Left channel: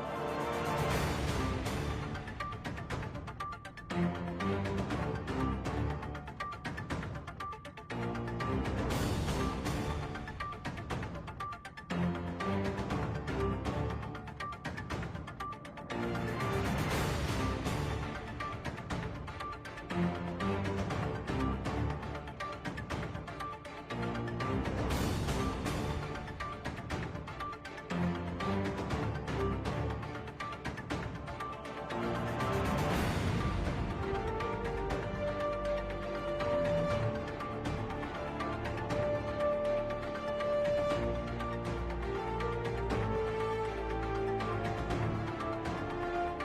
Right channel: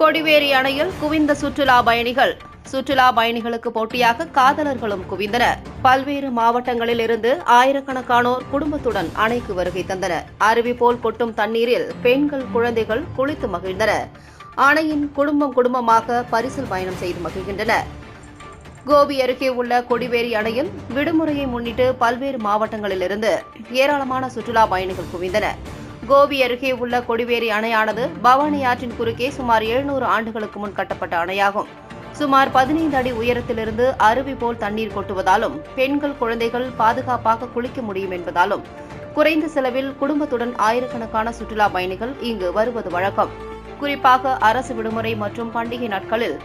கொடிவேரி அணையில் குவிந்த சுற்றுலா பயணிகள். சுற்றுலா பயணிகளுக்கு போட்டியாக காதலர்களும் குவிந்தனர். பல்வேறு மாவட்டங்களில் இருந்து ஆயிரக்கணக்கானோர் குடும்பத்துடன் அணைக்கு வருகை தந்தனர். அருவி போல் கொட்டும் தண்ணீரில் பெண்கள், குழந்தைகள் குளித்து மகிழ்ந்தனர். அணையின் குடும்பமாக பரிசல் பயணம் செய்து மகிழ்கின்றனர். கோபி அருகே உள்ள கொடிவேரி அணையில் விடுமுறையை முன்னிட்டு பல்வேறு மாவட்டங்களிலிருந்து ஏராளமான சுற்றுலா பயணிகள் குவிந்தனர். கோபி அருகே உள்ள கொடிவேரி அணையானது பவானி ஆற்றின் குறுக்கே சுமார் 700 ஆண்டுகளுக்கு முன் கட்டப்பட்ட அணையாகும். சுமார் 15 அடி உயரத்திலிருந்து அருவி போல் தண்ணீர் கொட்டுவதாலும் பெண்கள், குழந்தைகள் பாதுகாப்பாக குளிக்க முடியும் என்பதாலும் குறைந்த செலவில் குடும்பத்துடன் ஆயிரக்கணக்கான சுற்றுலா பயணிகள் இங்கு வருவது வழக்கம். குறிப்பாக அரசு விடுமுறை மற்றும் பண்டிகை நாட்களில்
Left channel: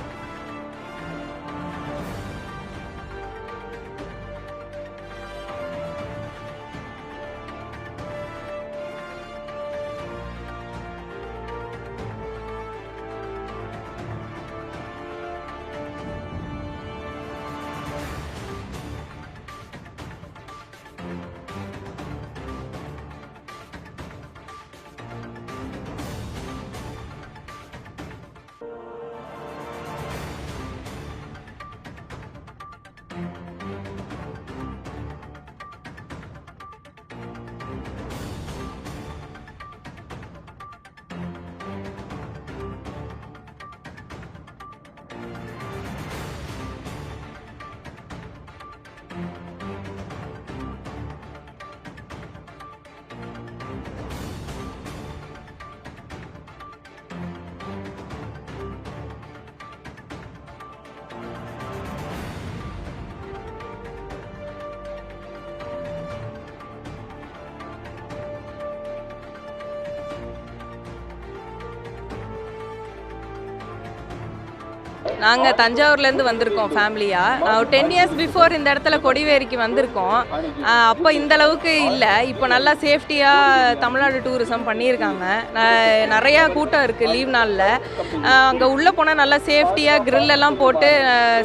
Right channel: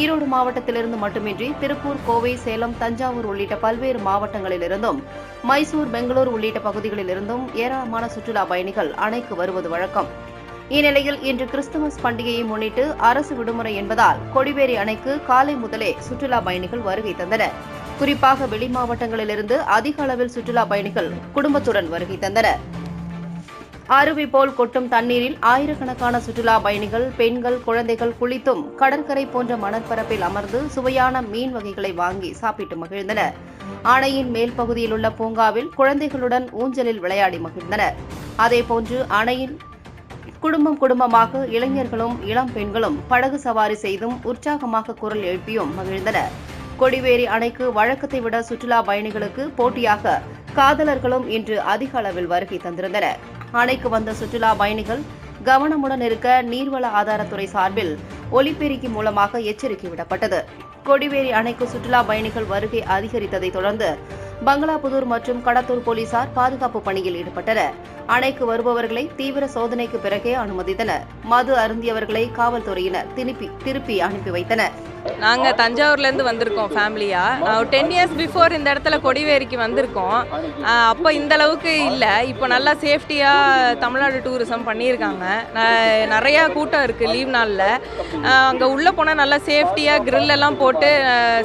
ஈரோடு மாவட்டத்திலிருந்து மட்டுமின்றி திருப்பூர், கோவை, சேலம், தஞ்சாவூர் உள்ளிட்ட பல்வேறு மாவட்டங்களிலிருந்தும் மைசூர், பெங்களூர் உள்ளிட்ட பகுதிகளிலிருந்தும் ஏராளமான சுற்றுலா பயணிகள் அணைக்கு வருவது வழக்கம். இந்நிலையில் இன்று கிறிஸ்துமஸ் பண்டிகையை முன்னிட்டு அரசு விடுமுறை என்பதால் கொடிவேரி அணைக்கு காலை முதலே சுற்றுலா பயணிகள் வருகை தந்தனர். குறிப்பாக வெளி மாவட்டங்களிலிருந்து அதிக அளவில் சுற்றுலா பயணிகள் குடும்பத்துடன் வருகை தந்தனர். அருவி போல் கொட்டும் தண்ணீரில் ஆயிரக்கணக்கான சுற்றுலா பயணிகள், பெண்கள், குழந்தைகள் குளித்தும் கடற்கரை போன்ற மணற்பரப்பில் அமர்ந்து சுவையான மீன் வகைகளை வாங்கி சாப்பிட்டு மகிழ்ந்தனர். அணையின் மேல் பகுதியில் உள்ள பூங்காவில் குழந்தைகளுடன் ஊஞ்சலில் விளையாடி மகிழ்ந்தனர். அதேபோன்று அணையின் குடும்பமாக இளைஞர்களும் இளம் பெண்களும் படகு சவாரி செய்தும் உற்சாகமாக குரல் எழுப்பியும் மகிழ்ந்தனர். கொடிவேரி அணைக்கு வழக்கத்தை விட சுற்றுலா பயணிகளுக்கு போட்டியாக காதலர்களும் இன்று அதிக அளவில் வருகை தந்திருந்தனர். அணைக்கு வந்த சுற்றுலா பயணிகள் கவனமுடன் இருக்க நீர்வள ஆதாரத்துறை சார்பில் ஒலிபெருக்கி மூலமாக எச்சரிக்கை விடப்பட்டது. கொடிவேரி அணைக்கு சுற்றுலா பயணிகள் வருகை அதிகரித்ததை தொடர்ந்து பங்களாபுதூர் மற்றும் கடத்தூர் போலீசார் பாதுகாப்பு பணியில் ஈடுபட்டனர். அணைக்கு வருபவர்களை தீவிர சோதனைக்கு பிறகே அனுமதித்தனர். மது அருந்தியவர்களை காவல்துறையினர் திருப்பி அனுப்பி வைத்தனர். நாங்கள் தஞ்சாவூர்லேருந்து வந்திருக்கோம் ஃபேமிலியா. 10 இயர்ஸ் பிஃபோர் இந்த இடத்துல கொடிவேரிக்கு வந்திருக்கோம். அப்போ இந்த அளவுக்கு இல்லை. இப்போ நல்லா சேஃப்டியாக தமிழ்நாடு டூரிசம் பண்ணியிருக்காங்க. நிறையா கூட்டம் இருக்குது லீவ் நாளில். அங்கே உள்ளே போனால் நல்லா சேஃப்டியாக grill எல்லாம் போட்டு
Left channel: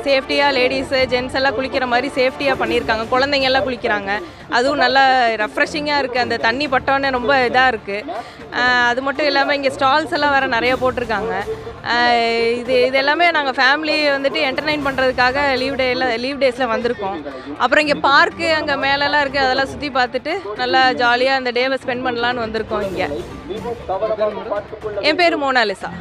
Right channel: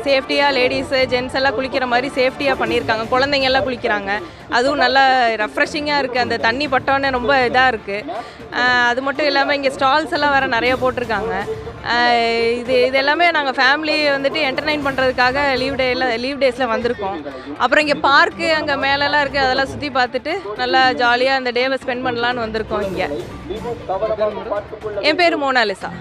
சேஃப்டியாக லேடிஸு, ஜென்ட்ஸ் எல்லாம் குளிக்கிற மாதிரி சேஃப்டியாக பண்ணியிருக்காங்க. குழந்தைங்க எல்லாம் குளிக்கிறாங்க. அதுவும் நல்லா ரெஃப்ரெஷிங்காக இருக்குது. அந்த தண்ணி பட்டோன்னே ரொம்ப இதாக இருக்குது. அது மட்டும் இல்லாமல் இங்கே ஸ்டால்ஸ் எல்லாம் வேறு நிறைய போட்டிருக்காங்க. இது எல்லாமே நாங்கள் ஃபேமிலி வந்துட்டு என்டர்டைன் பண்ணுறதுக்காக லீவ் டேஸில் வந்திருக்கோம். அப்புறம் இங்கே பார்க்கு அங்கே மேலெல்லாம் இருக்குது. அதெல்லாம் சுற்றி பார்த்துட்டு நல்லா ஜாலியாக அந்த டேவை ஸ்பெண்ட் பண்ணலான்னு வந்திருக்கோம் இங்கே. என் பேர் மோனாலிசா.